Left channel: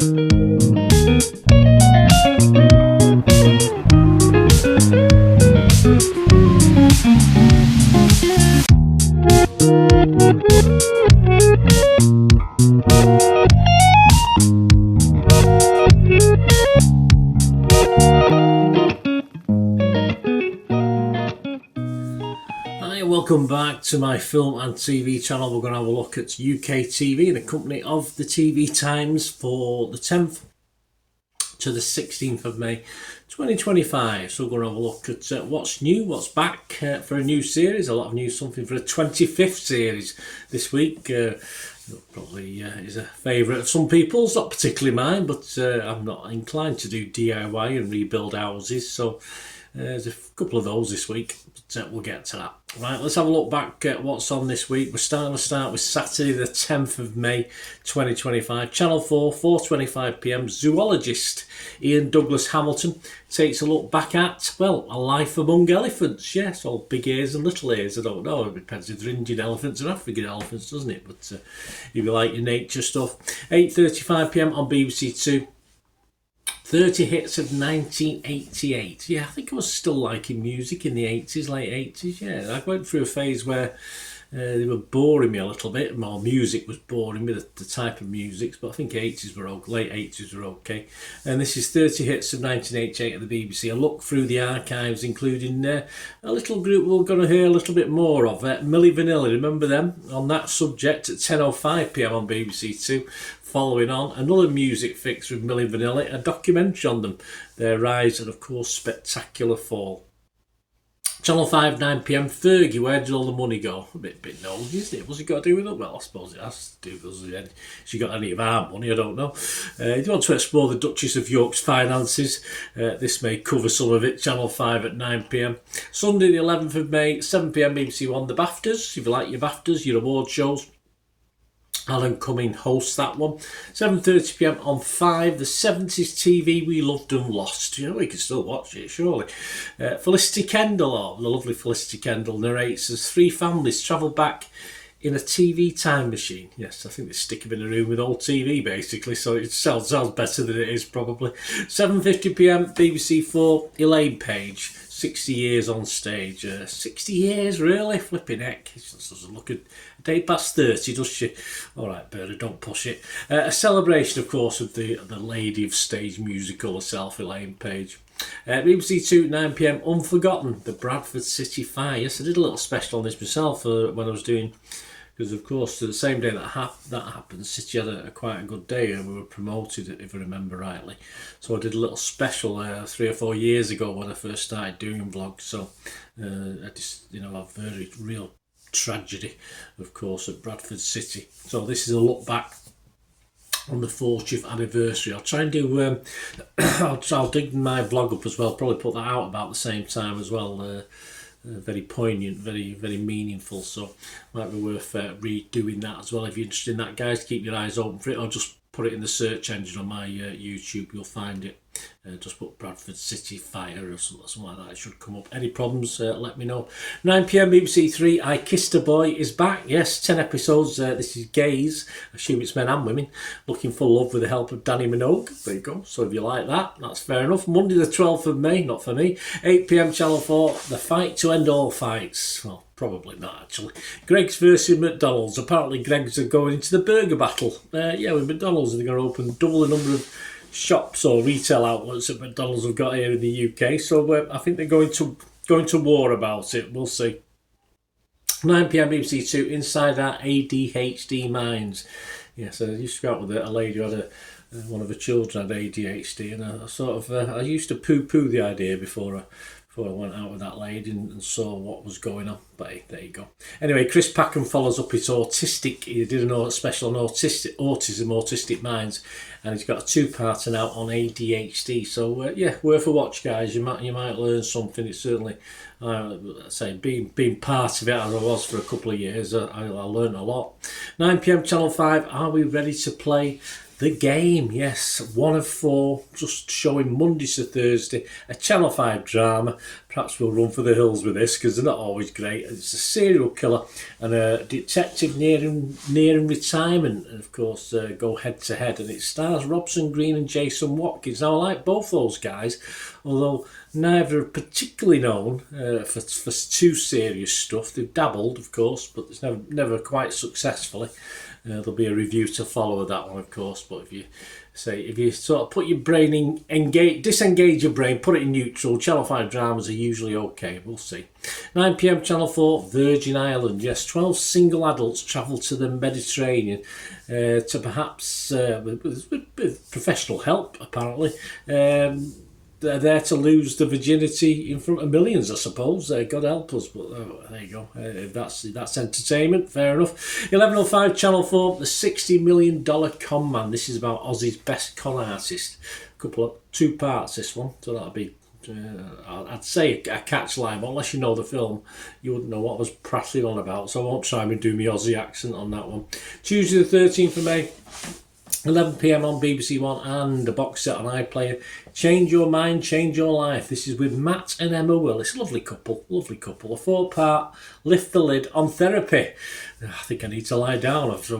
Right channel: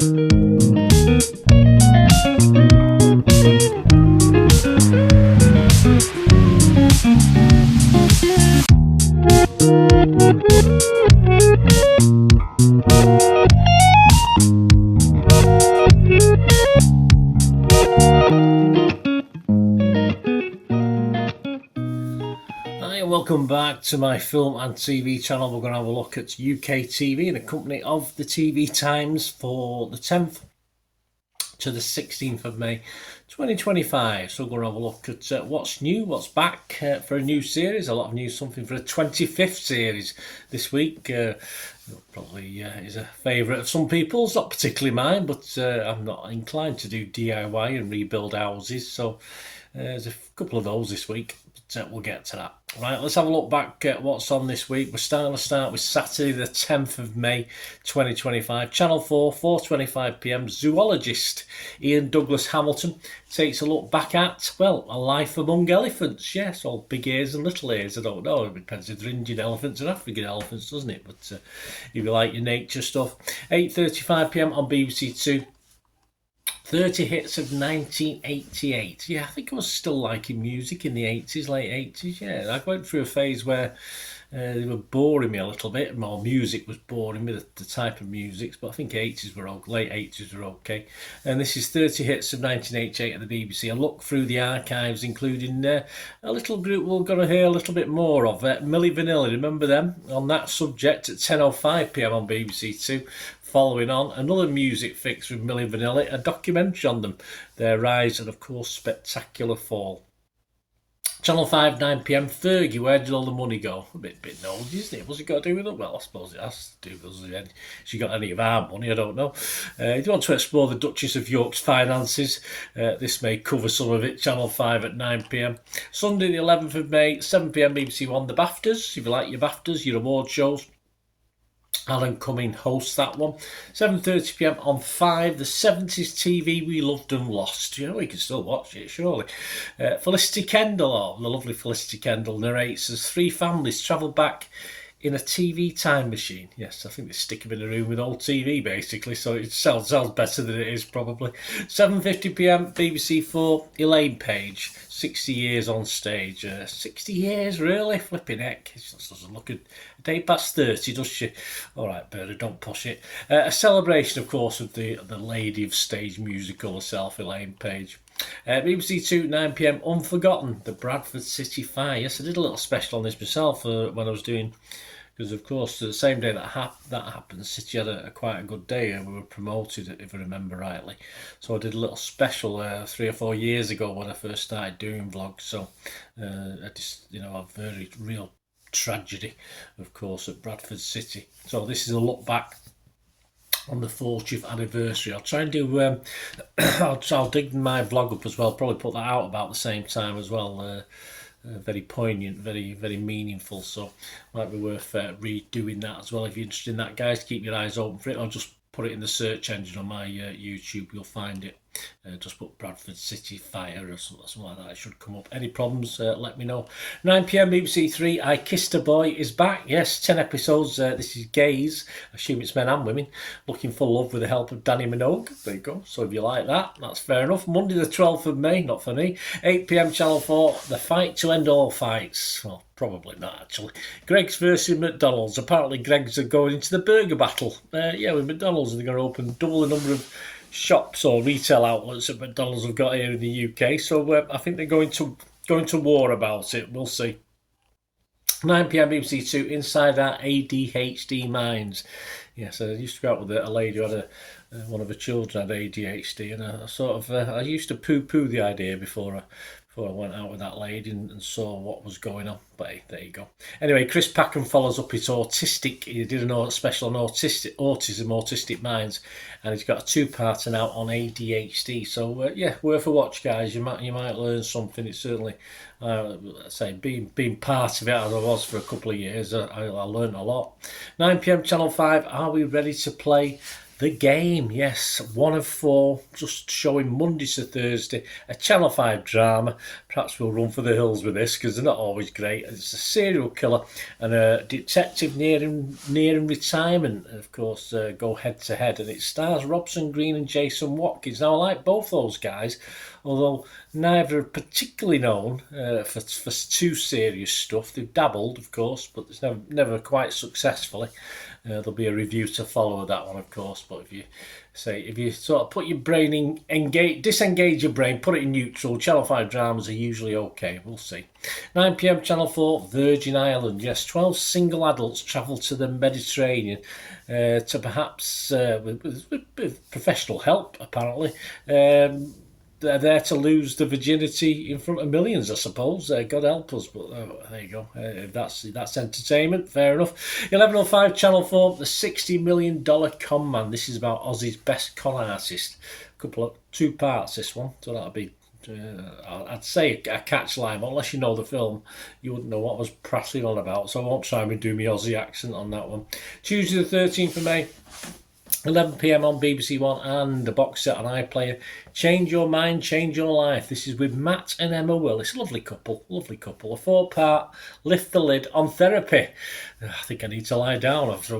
Welcome back to my film and TV channel. We're going to have a look at UK TV in the company of the TV Times for the 10th to the 16th of May 2025. So we're going to have a look at what's new, what's back for a new series. A lot of news, something for a 25th series this week. Probably is a favourite of some people's, not particularly mine, but I'm not inclined to do DIY and rebuild houses. So there's a couple of those this week, but we'll get to that. Right, let's have a look back at what's on this week. We're starting to start with Saturday the 10th of May 2025. Channel 4, 4:25pm, zoologist Ian Douglas Hamilton takes a look back at, well, a life among elephants. Yes, all big ears and little ears, I don't know. It depends if they're Indian elephants or African elephants, doesn't it? But if you like your nature stuff. 8:35pm on BBC Two. 30 hits of 1988. Yeah, I think I was still liking music in the 80s, late 80s. Yeah, I went through a phase where they were boring me a little bit. More music was boring me, the type of music. But I think 80s were okay, late 80s were okay. And this is 30 hits of 1988 at the BBC. A look through the archives, including a little group we're going to hear a little bit more of. Milli Vanilli, remember them? On that subject at 10:05pm on BBC Two. Following on, another music fix with Milli Vanilli, a documentary on them, their rise and of course spectacular fall. Channel 5, 9pm, Fergie, where did all the money go? A bit nosy, isn't it? What's it got to do with it? Well, I suppose it has to do with us. She got any of our money, I don't know. If you want to explore the Duchess of York's finances, this may cover some of it. Channel 5 at 9pm. Sunday the 11th of May, 7pm, BBC One, the BAFTAs. If you like your BAFTAs, your award shows, Alan Cumming hosts that one. 7:30pm on 5, the 70s TV we loved and lost. You know, we can still watch it, surely. Felicity Kendal, the lovely Felicity Kendal, narrates as three families travel back in a TV time machine. Yes, I think they stick them in a room with old TV, basically, so it sounds better than it is, probably. 7:50pm, BBC 4, Elaine Page, 60 years on stage. 60 years, really? Flipping heck. She doesn't look a day past 30, does she? All right, Berta, don't push it. A celebration, of course, of the lady of stage musical herself, Elaine Page. BBC 2, 9pm, Unforgotten, the Bradford City Fire. Yes, I did a little special on this myself when I was doing, because of course the same day that happened, City had quite a good day and we were promoted, if I remember rightly. So I did a little special 3 or 4 years ago when I first started doing vlogs. So I just, a very real tragedy, of course, at Bradford City. So this is a look back on the 40th anniversary. I'll try and do I'll dig my vlog up as well, probably put that out about the same time as well. Very poignant, very, very meaningful, so might be worth redoing that as well. If you're interested in that, guys, keep your eyes open for it, or just put it in the search engine on my YouTube, you'll find it. Just put Bradford City Fire or something like that, it should come up. Any problems, let me know. 9pm, BBC 3, I Kissed a Boy is back. Yes, 10 episodes. This is gays, I assume it's men and women, looking for love with the help of Danny Minogue. There you go. So if you like that, that's fair enough. Monday the 12th of May, not for me. 8pm, Channel 4, The Fight to End All Fights. Well, probably not, actually. Greggs versus McDonald's. Apparently Greggs are going into the burger battle. With McDonald's, they're going to open double the number of shops or retail outlets that McDonald's have got here in the UK. So I think they're going to war about it. We'll see. 9pm, BBC 2, Inside Our ADHD Minds. Yes, I used to go out with a lady who had one of her children had ADHD, and I used to poo-poo the idea before I went out with that lady and saw what was going on. But hey, there you go. Anyway, Chris Packham follows up his autistic. He did a special on autistic minds, and he's got a 2-parter now on ADHD. So worth a watch, guys. You might learn something. It's certainly, being part of it as I was for a couple of years, I learned a lot. 9pm, Channel 5. Are we ready to play The Game, yes, one of four, just showing Mondays to Thursday, a Channel 5 drama. Perhaps we'll run for the hills with this because they're not always great. It's a serial killer and a detective nearing retirement, and of course, go head to head. And it stars Robson, Green and Jason Watkins. Now, I like both those guys, although neither are particularly known for too serious stuff. They've dabbled, of course, but it's never quite successfully. There'll be a review to follow with that one, of course. But if you sort of put your brain disengage your brain, put it in neutral, Channel 5 dramas are usually okay. We'll see. 9 p.m. Channel 4, Virgin Island. Yes, 12 single adults travel to the Mediterranean to perhaps, with professional help, apparently. They're there to lose the virginity in front of millions, I suppose. God help us, but there you go. That's entertainment, fair enough. 11:05 Channel 4, the $60 million con man. This is about Aussie's best con artist. Two parts, this one, so that'll be, I'd say a catch line, but unless you know the film, you wouldn't know what I was prattling on about, so I won't try and do my Aussie accent on that one. Tuesday the 13th of May, 11 p.m. on BBC One, and the box set on iPlayer, Change Your Mind, Change Your Life. This is with Matt and Emma Willis. Lovely couple. A 4-part, Lift the Lid on Therapy. I think I need to lie down before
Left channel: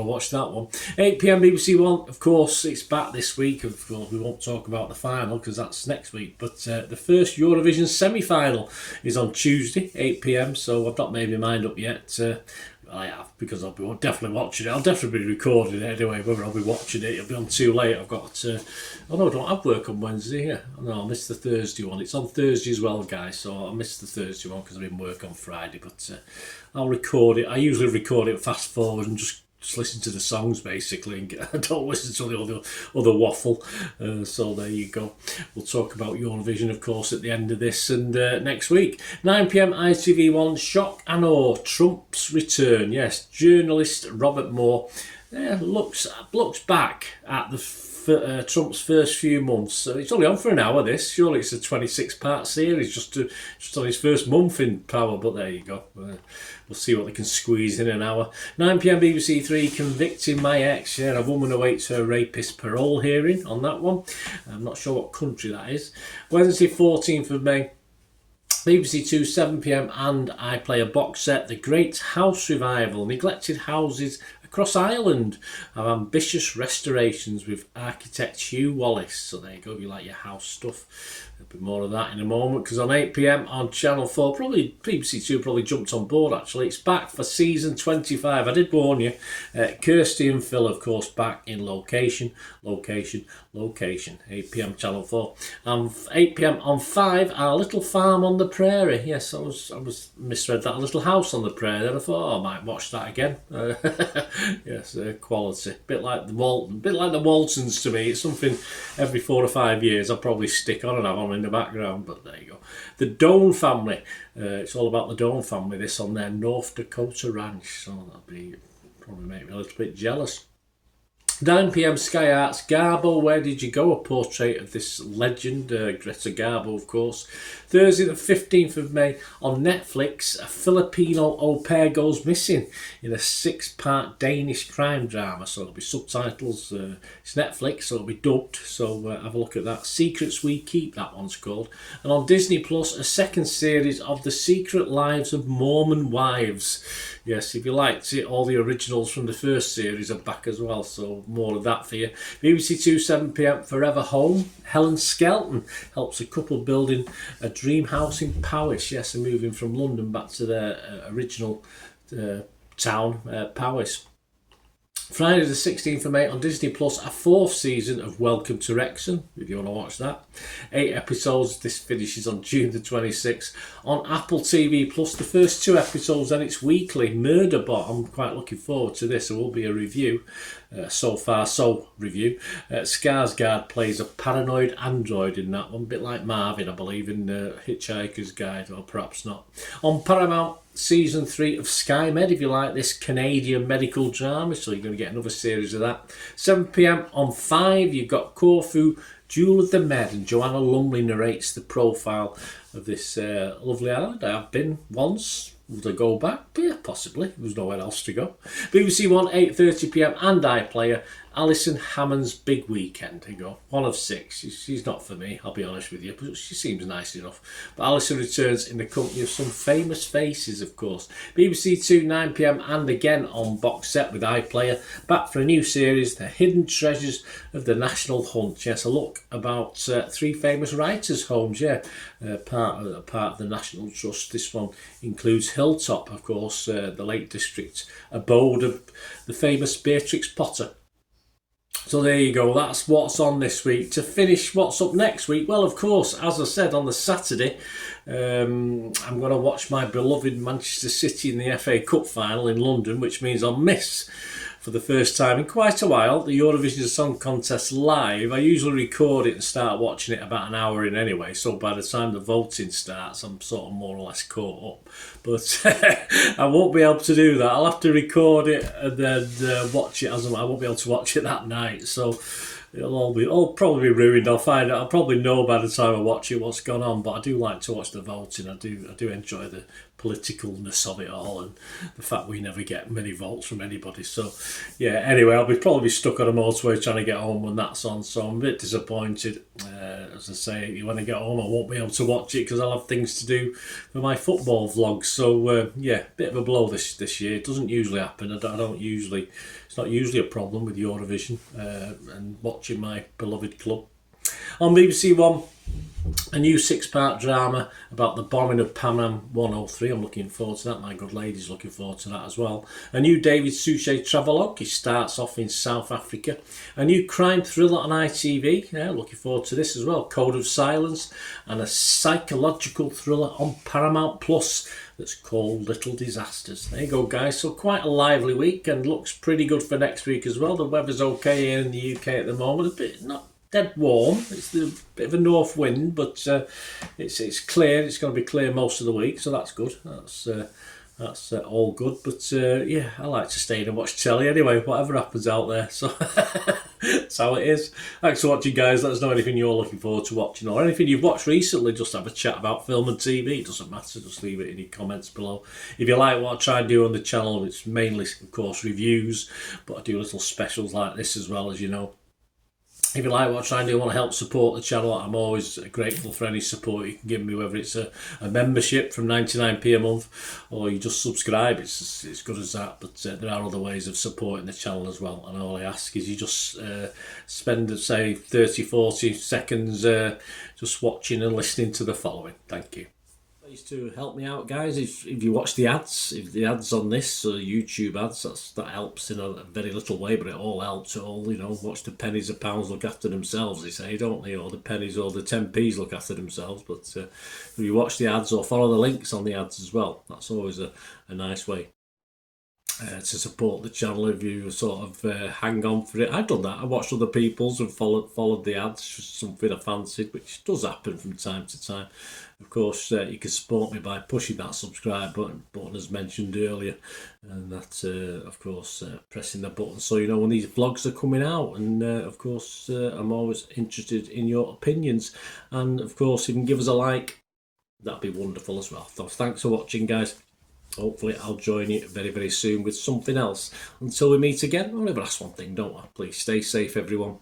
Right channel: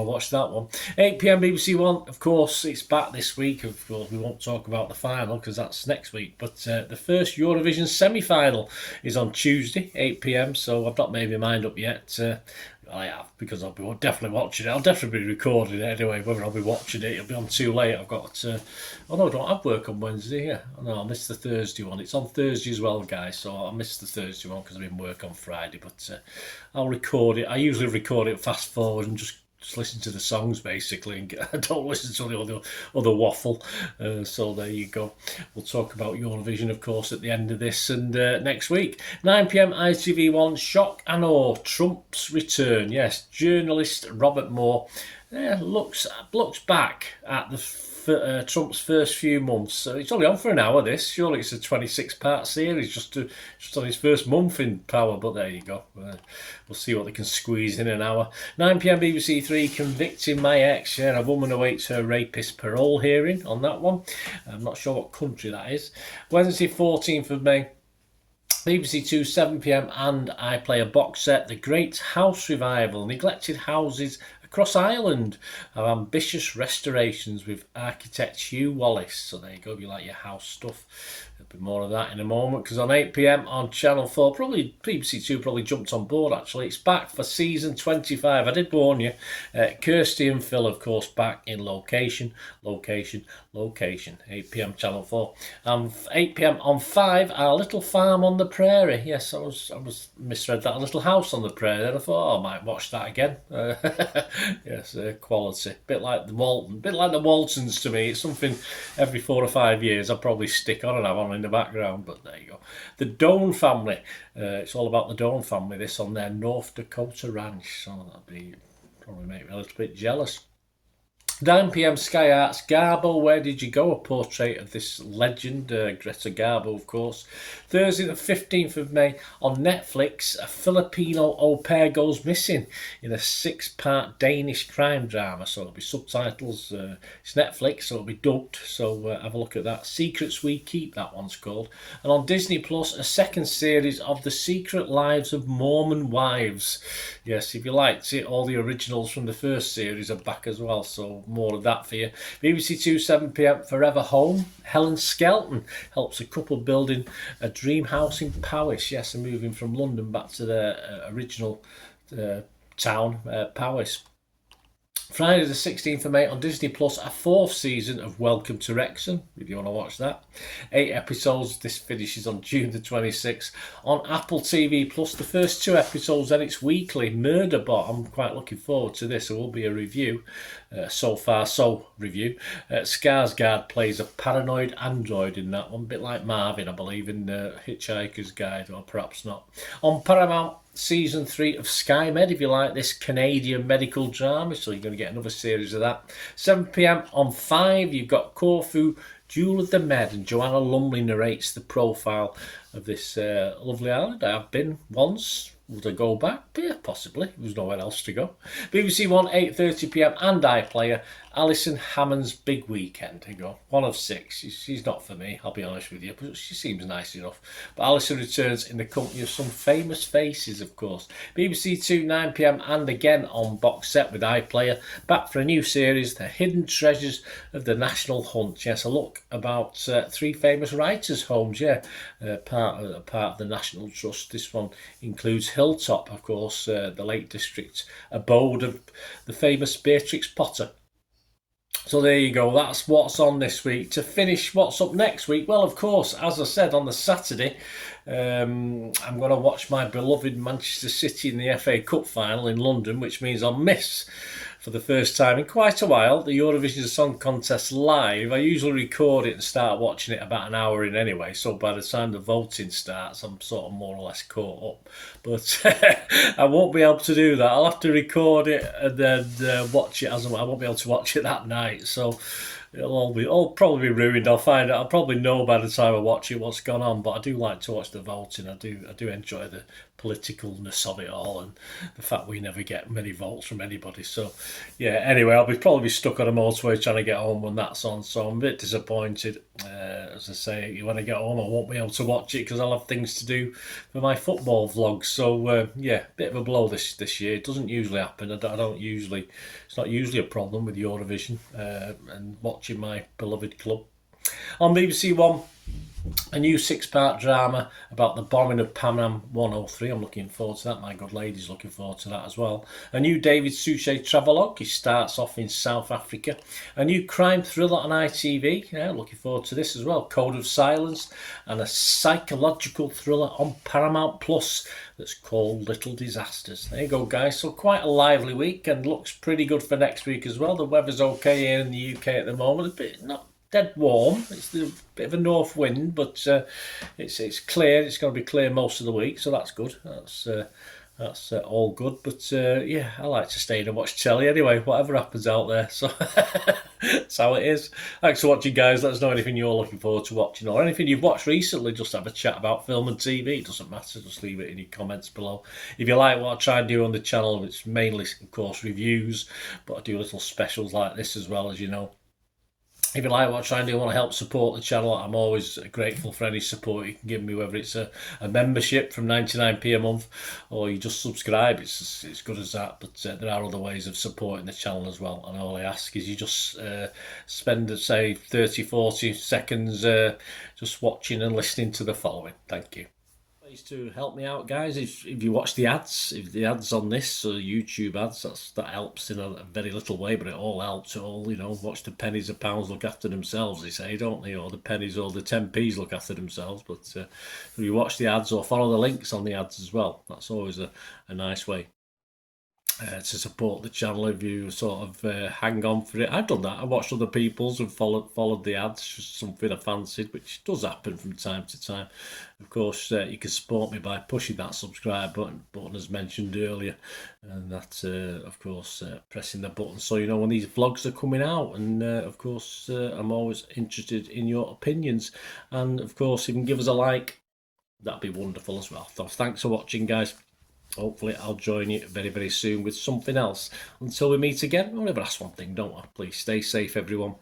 I watch that one. 8 p.m. BBC One, of course, it's back this week. Of course, we won't talk about the final because that's next week, but the first Eurovision semi-final is on Tuesday, 8 p.m, so I've not made my mind up yet. I have, because I'll be definitely watching it. I'll definitely be recording it anyway. Whether I'll be watching it, it'll be on too late. I've got to. Oh no, I don't have work on Wednesday. Yeah, no, I missed the Thursday one. It's on Thursday as well, guys. So I missed the Thursday one because I've been work on Friday. But I'll record it. I usually record it fast forward and just listen to the songs basically, and I don't listen to the other waffle. So there you go. We'll talk about Eurovision, of course, at the end of this and next week. 9 p.m. ITV1, Shock and Awe, Trump's return. Yes, journalist Robert Moore looks back at Trump's first few months. So it's only on for an hour, this. Surely it's a 26-part series just on his first month in power, but there you go. We'll see what they can squeeze in an hour. 9 p.m. BBC 3, Convicting My Ex. Yeah, a woman awaits her rapist parole hearing on that one. I'm not sure what country that is. Wednesday 14th of May, BBC 2, 7 p.m, and iPlayer box set, The Great House Revival, Neglected Houses Across Ireland, of ambitious restorations with architect Hugh Wallace. So there you go, if you like your house stuff. There'll be more of that in a moment, because on 8 p.m. on Channel 4, probably BBC 2 probably jumped on board actually. It's back for season 25. I did warn you. Kirsty and Phil, of course, back in location. 8 p.m. Channel 4. 8 p.m. on 5, Our Little Farm on the Prairie. Yes, I was misread that. A Little House on the Prairie. Then I thought, I might watch that again. Yes, quality. Bit like the Waltons to me. It's something every 4 or 5 years I'll probably stick on and have on in the background. But there you go. The Doan family. It's all about the Doan family. This on their North Dakota ranch. So that'll probably make me a little bit jealous. 9 p.m. Sky Arts, Garbo, Where Did You Go? A portrait of this legend, Greta Garbo, of course. Thursday the 15th of May on Netflix, a Filipino au pair goes missing in a 6-part Danish crime drama. So it'll be subtitles. It's Netflix, so it'll be dubbed. So have a look at that. Secrets We Keep, that one's called. And on Disney Plus, a second series of The Secret Lives of Mormon Wives. Yes, if you liked it, all the originals from the first series are back as well, so more of that for you. BBC 2, 7 p.m, Forever Home. Helen Skelton helps a couple building a dream house in Powys. Yes, and moving from London back to their original town, Powys. Friday the 16th of May on Disney Plus, a 4th season of Welcome to Wrexham, if you want to watch that. 8 episodes, this finishes on June the 26th. On Apple TV Plus, the first 2 episodes, then it's weekly. Murderbot, I'm quite looking forward to this. There will be a review. So far, so review. Skarsgard plays a paranoid android in that one, a bit like Marvin, I believe, in Hitchhiker's Guide, or perhaps not. On Paramount, Season 3 of SkyMed, if you like this Canadian medical drama, so you're going to get another series of that. 7 p.m. on 5, you've got Corfu, Jewel of the Med, and Joanna Lumley narrates the profile of this lovely island. I've been once. Would I go back? Yeah, possibly. There's nowhere else to go. BBC 1, 8:30 p.m, and iPlayer, Alison Hammond's Big Weekend. There you go, one of six. She's not for me, I'll be honest with you, but she seems nice enough. But Alison returns in the company of some famous faces, of course. BBC 2, 9 p.m, and again on box set with iPlayer, back for a new series, The Hidden Treasures of the National Hunt. Yes, a look about three famous writers' homes, part of the National Trust. This one includes Hilltop, of course, the Lake District abode of the famous Beatrix Potter. So there you go, that's what's on this week. To finish, what's up next week? Well, of course, as I said, on the Saturday, I'm going to watch my beloved Manchester City in the FA Cup final in London, which means I'll miss, for the first time in quite a while, the Eurovision Song Contest live. I usually record it and start watching it about an hour in anyway, so by the time the voting starts, I'm sort of more or less caught up. But I won't be able to do that. I'll have to record it and then watch it as I won't be able to watch it that night. So it'll probably be ruined. I'll find out. I'll probably know by the time I watch it what's gone on. But I do like to watch the voting. I do enjoy the politicalness of it all and the fact we never get many votes from anybody. So yeah, anyway, I'll probably be stuck on a motorway trying to get home when that's on, so I'm a bit disappointed. As I say, when I get home I won't be able to watch it because I'll have things to do for my football vlogs. So yeah, bit of a blow this year. It doesn't usually happen. It's not usually a problem with Eurovision and watching my beloved club. On BBC One, a new 6-part drama about the bombing of Pan Am 103. I'm looking forward to that. My good lady's looking forward to that as well. A new David Suchet travelogue. He starts off in South Africa. A new crime thriller on ITV. Yeah, looking forward to this as well. Code of Silence. And a psychological thriller on Paramount Plus that's called Little Disasters. There you go, guys. So quite a lively week and looks pretty good for next week as well. The weather's okay here in the UK at the moment. A bit not dead warm. It's a bit of a north wind, but it's clear. It's going to be clear most of the week, so that's good. That's all good. But yeah, I like to stay and watch telly anyway, whatever happens out there. So that's how it is. Thanks for watching, guys. Let us know anything you're looking forward to watching or anything you've watched recently. Just have a chat about film and TV. It doesn't matter. Just leave it in your comments below. If you like what I try and do on the channel, it's mainly, of course, reviews, but I do little specials like this as well, as you know. If you like what I try and do, want to help support the channel, I'm always grateful for any support you can give me, whether it's a membership from 99p a month or you just subscribe. It's as good as that, but there are other ways of supporting the channel as well, and all I ask is you just spend, say, 30-40 seconds just watching and listening to the following. Thank you. To help me out, guys, if you watch the ads, if the ads on this YouTube ads, that helps in a very little way, but it all helps. It all, you know, watch the pennies and pounds look after themselves, they say, don't they? Or the pennies or the 10p's look after themselves. But if you watch the ads or follow the links on the ads as well, that's always a nice way to support the channel. If you sort of hang on for it, I've done that. I watched other people's and followed the ads, something I fancied, which does happen from time to time. Of course, you can support me by pushing that subscribe button as mentioned earlier, and that's of course pressing the button so you know when these vlogs are coming out. And of course I'm always interested in your opinions, and of course if you can give us a like, that'd be wonderful as well. So thanks for watching, guys. Hopefully I'll join you very, very soon with something else. Until we meet again, I'll never ask one thing, don't I? Please stay safe, everyone.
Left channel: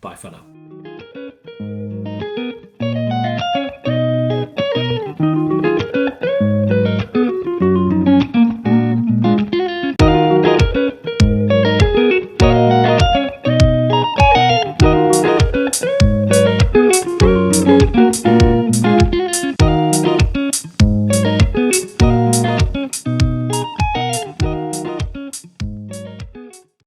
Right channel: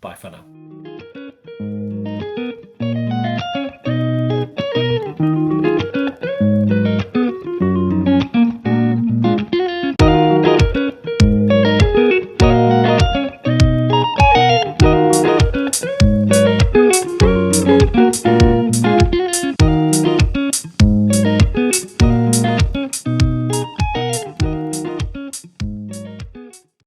Bye for now.